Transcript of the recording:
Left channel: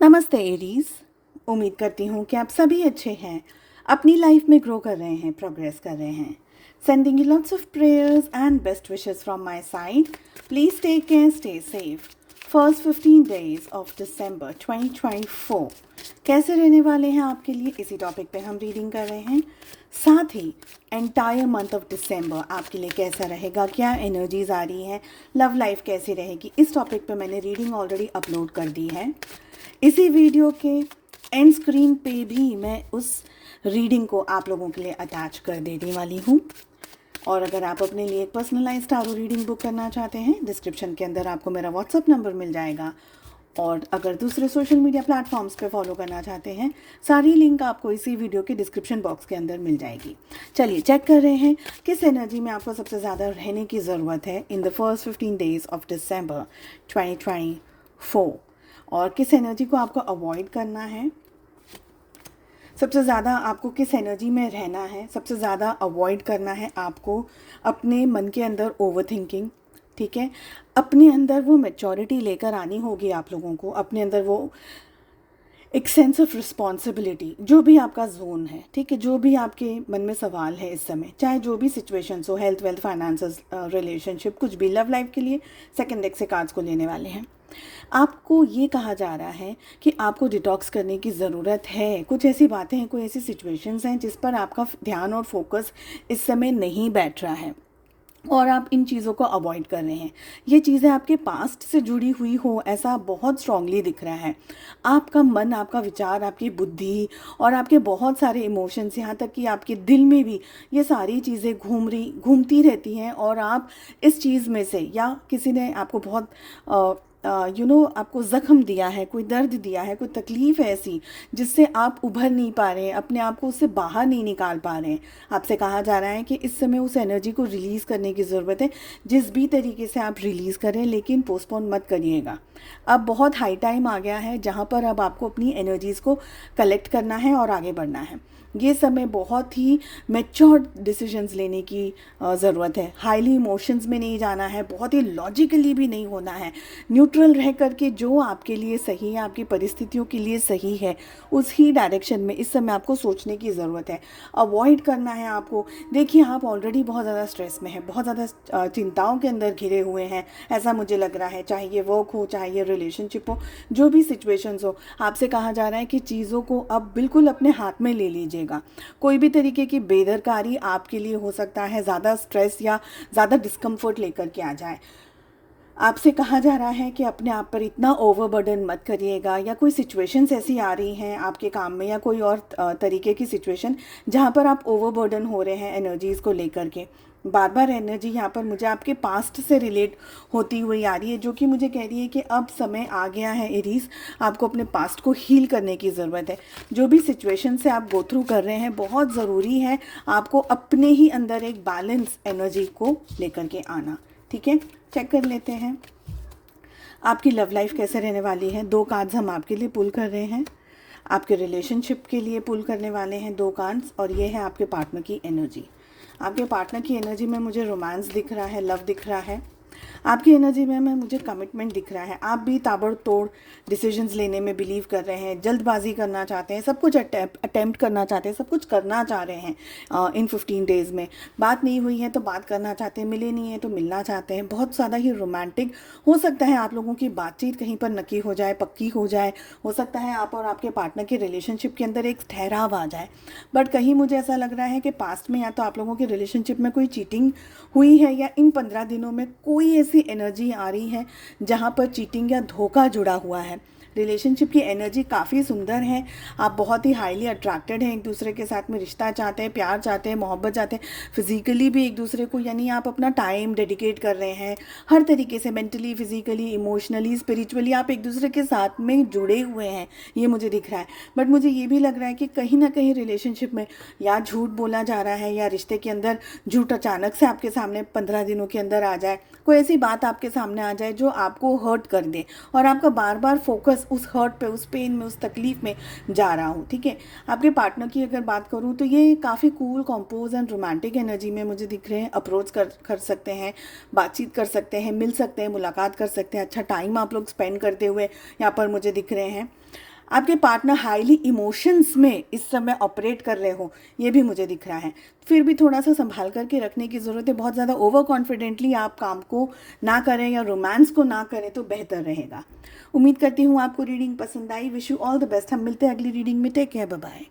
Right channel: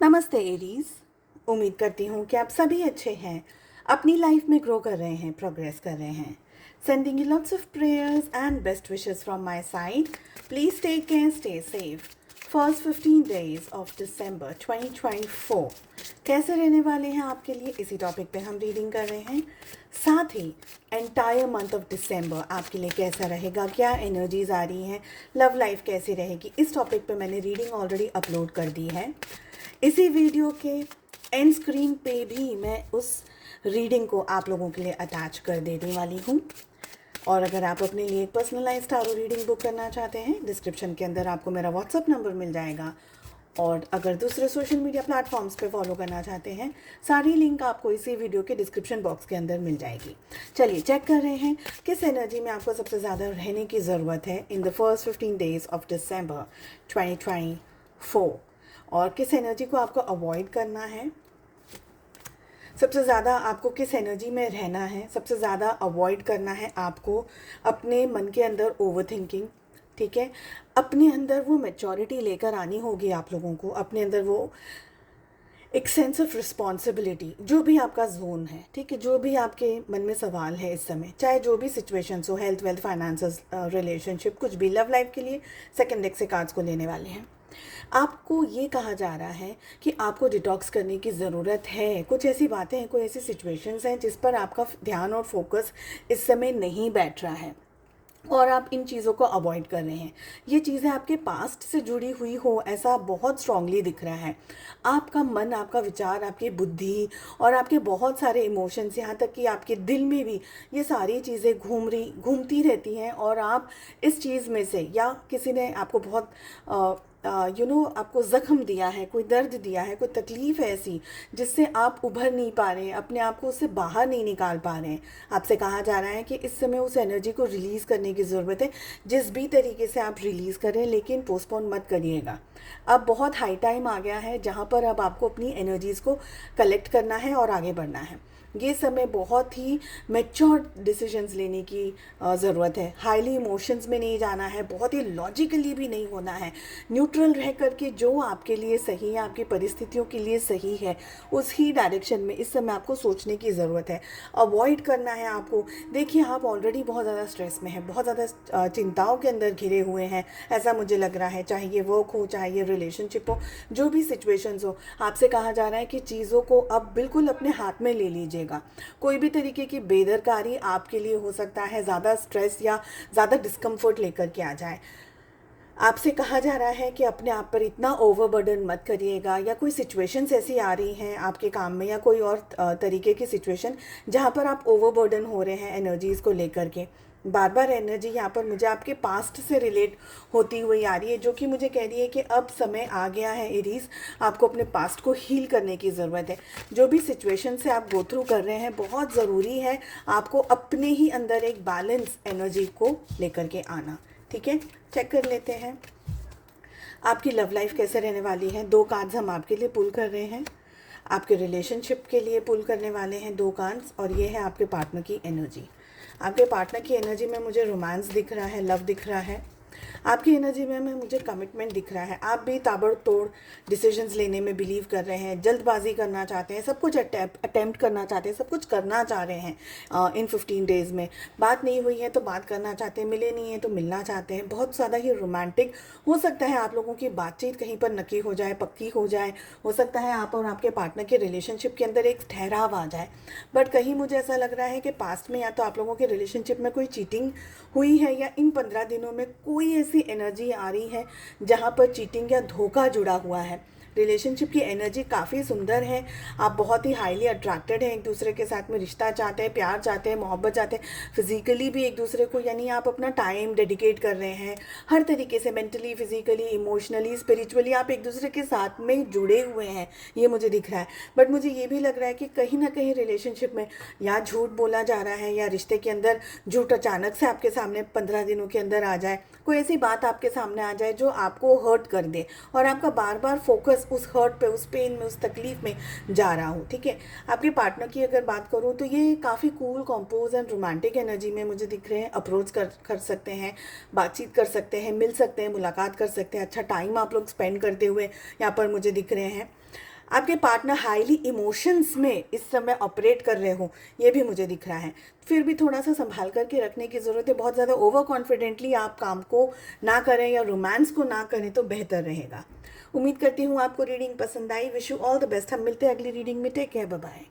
नमस्ते एरीज। उम्मीद करती हूँ कि आप सभी अच्छे हैं, अपनी लाइफ में ग्रो कर रहे हैं, प्रोग्रेस कर रहे हैं। Sending you lots of prayers and best wishes from my side. Please take care, stay safe. First 15 days of December 2024 कैसे रहने वाले हैं आपके लिए, इसी टॉपिक पे हम रीडिंग कर रहे हैं। साथ ही एंटायर मंथ ऑफ दिसंबर आपके लिए कैसा रहेगा, क्या एनर्जीज आ रही हैं, लव लाइफ कैसी रहेगी, इस टॉपिक पे मैंने रीडिंग ऑलरेडी अपलोड कर दी है। इसी वीडियो के एंड स्क्रीन पे भी मैं उस रीडिंग को आप लोगों के लिए अटैच कर देने वाली हूँ। और अगर आप अपने लिए एक पर्सनलाइज टारो रीडिंग बुक करना चाहते हैं, डिस्क्रिप्शन के अंदर आपको मेरा व्हाट्सअप नंबर मिल जाएगा। और अगर दूसरे सोशल मीडिया प्लेटफॉर्म्स पे फॉलो करना चाहते हैं, सारी लिंक आपको इसी वीडियो के डिस्क्रिप्शन बॉक्स के अंदर मिल जाएगी। चलिए चेक कर रहे हैं किस एनर्जी में आपको सबसे ज़्यादा रहने की ज़रूरत है in the first 15 days of December 2024, और किस एनर्जी को आपको अवॉइड करना है। सबसे ज़्यादा आपको किस एनर्जी में रहना है, सबसे ज़्यादा अवॉइड करना है आपको अपने मन के अंदर ओवर थिंकिंग। ठीक है, अपने अंदर वो मैच्योरिटी लेकर आनी होगी आप लोगों को, अपने अंदर वो एक सेंस ऑफ रिस्पॉन्सिबिलिटी। जो भी आपका जोन है, ठीक है, जो भी आपके मन में सवाल है इस समय, चाहे जो भी सिचुएशंस हो, हेल्थ वेल्थ फाइनेंसेस रिलेशनशिप, कुछ भी, लव लाइफ के लिए सेकंड डेक से कार्ड्स को लेने वाले हैं। आपको ये कहा जा रहा है कि आपको डिटॉक्स करने की ज़रूरत है। कुछ ऐसी बातें हैं, कोई ऐसी सिचुएशंस हैं जिस पर आपका ध्यान और फोकस इस समय नहीं बैठ रहा है और आप इन चीज़ों को अवॉइड कर रहे हैं। ये चीज़ें आपके पास्ट से जुड़ी हुई हो, ऐसा बहुत स्ट्रांगली दिख रहा है। आपका मन, आपका विचार, आपकी बुद्धि और आपके बहुत सारे इमोशंस, यहाँ तक कि आपके दिल में भी ये सारी चीज़ें घूमती रहती हैं। और आप इस चीज़ में से, या किसी ने आपको बहुत आपको ज़ख्म दिया है, कोई दर्द दिया है, कोई तकलीफ़ है ऐसी जिससे आप उभर नहीं पा रहे हैं, अपने आप को उससे बाहर नहीं निकाल पा रहे हैं। आपसे कहा जा रहा है कि इस समय उस एनर्जी को रिलीज़ करने की ज़रूरत है। जिस भी तरीके से आप रिलीज़ करें, लेकिन पोस्टपोन मत करिएगा। अब बहुत हाई टाइम आ गया है जहाँ पर अब आपको अपनी एनर्जीज़ को कलेक्ट करना है और आगे बढ़ना है। ये समय बहुत ही मैच्योर डिसीजंस लेने की ज़रूरत है। हाईली इमोशंस में नहीं जाना है, बहुत ही लॉजिकली भी नहीं होना है। न्यूट्रल रह करके जो आपके लिए सही है, आपकी परिस्थितियों के लिए सही है, उस ही डायरेक्शन में इस समय आपको सोचने की ज़रूरत है। अवॉइड करना है आपको। देखिए, आप ऑलरेडी बहुत ज़्यादा स्ट्रेस में हैं, बहुत ज़्यादा चिंताओं के अंदर घिरे हुए हैं, ऐसा मुझे लग रहा है। चाहे ये वर्क हो, चाहे ये रिलेशनशिप हो, जो भी सिचुएशंस हो, आपसे कहा जा रहा है कि चीज़ों को अब बिल्कुल अपने हाथ में ले लीजिए। कोई भी तरीके की बेदरकारी आपके लिए हो सकता है ज़्यादा स्ट्रेस या ज़्यादा डिस्कम्फर्ट लेकर के आ जाए। आपसे कहा जा रहा है कि अपने आप पर इतना ओवरबर्डन मत करिएगा, या कोई सिचुएशंस ऐसी आ रही हैं आपके काम में, या कोई और तरीके की सिचुएशन जहाँ पर आप ओवरबर्डन हो रहे हैं एनर्जीज़ को लेकर के। बार बार एनर्जी यहाँ पर मुझे आपके पास्ट से रिलेट होती हुई आ रही है, जो कि मुझे कह रही है कि अब समय आ गया है एरीज, आपको अपने पास्ट को हील करने की ज़रूरत है। जो भी सिचुएशन से आप गो थ्रू कर रहे हैं, बहुत ज़रूरी है आपको अपने ही अंदर एक बैलेंस एनर्जी को लेकर के आना। ठीक है, चेक कर लेते हैं आपकी लव लाइफ कैसे रहने वाली है। 2 कार्ड्स हम आपके लिए पुल कर रहे हैं, आपके रिलेशनशिप के लिए पुल करने वाले हैं 2 कार्ड्स, और ये है आपके पार्टनर की एनर्जी। आपके पार्टनर की एनर्जी में मुझे रोमांस दिख रहा है, लव दिख रहा है। आपकी एनर्जी में मुझे कमिटमेंट दिख रहा है। आप भी ताबड़तोड़ डिसीजंस लेने में बिलीव कर रहे हैं, जल्दबाजी करना चाहते हैं, सब कुछ अटेम्प्ट करना चाहते हैं, सब कुछ करना चाह रहे हैं इन 15 डेज़ में। बात नहीं हुई है तो बात करना चाहते हैं, मिले नहीं है तो मिलना चाहते हैं। बहुत ज़्यादा ही रोमांटिक हो सकता है आप लोगों की बातचीत कहीं पर नकी हो जाए, पक्की हो जाए। हो सकता है आप और आपके पार्टनर के रिलेशनशिप के अंदर एक ठहराव आ जाए। बट कहीं मुझे ऐसा लग रहा है कि पास्ट में या तो आप लोगों की रिलेशनशिप में कोई चीटिंग हुई है, या इन 15 दिनों में कोई ऐसी एनर्जी आ रही है जहाँ पर चीटिंग या धोखा जुड़ा हुआ है। रिलेशनशिप की एनर्जी काफ़ी सुंदर है। आप बहुत ही हाईली अट्रैक्टेड हैं, एक दूसरे के साथ में रिश्ता चाहते हैं, प्यार चाहते हैं, मोहब्बत चाहते हैं, फिजिकली भी एक दूसरे को, यानी आप अपना टाइम डेडिकेट कर रहे हैं हर तरीके से, मेंटली, फिजिकली, इमोशनली, स्पिरिचुअली आप एक दूसरे के साथ में जुड़े हुए हैं, ये मुझे दिख रहा है। बट मुझे ये भी लग रहा है कि कहीं ना कहीं रिलेशनशिप में या झूठ बोला जा रहा है, या रिश्ते के अंदर झूठ अचानक से आपके सामने 15 दिनों के अंदर आ जाए, कोई ऐसी बात आपके सामने आ जाए जो आपको हर्ट कर दे, और आपका बार बार फोकस उस हर्ट पे, उस पेन में, उस तकलीफ में जा रहा हो। ठीक है, आपके पार्टनर की अगर बात करूँ तो ये काफ़ी cool, compose and romantic energy में मुझे दिख रहे हैं। अप्रोच कर सकते हैं, बातचीत कर सकते हैं, मिल सकते हैं, मुलाकात कर सकते हैं, अच्छा टाइम आप लोग स्पेंड करते हुए यहाँ पर मुझे दिख रहे हैं। आपके पार्टनर हाईली इमोशंस में इस समय ऑपरेट कर रहे हो, ये भी मुझे दिख रहा है। फिर भी थोड़ा सा संभाल करके रखने की ज़रूरत है। बहुत ज़्यादा ओवर कॉन्फिडेंटली आप काम को ना करें या रोमांस को ना करें तो बेहतर रहेगा। उम्मीद करती हूँ आपको रीडिंग पसंद आई। Wish you all the best. हम मिलते हैं अगली रीडिंग में। Take care, bye bye.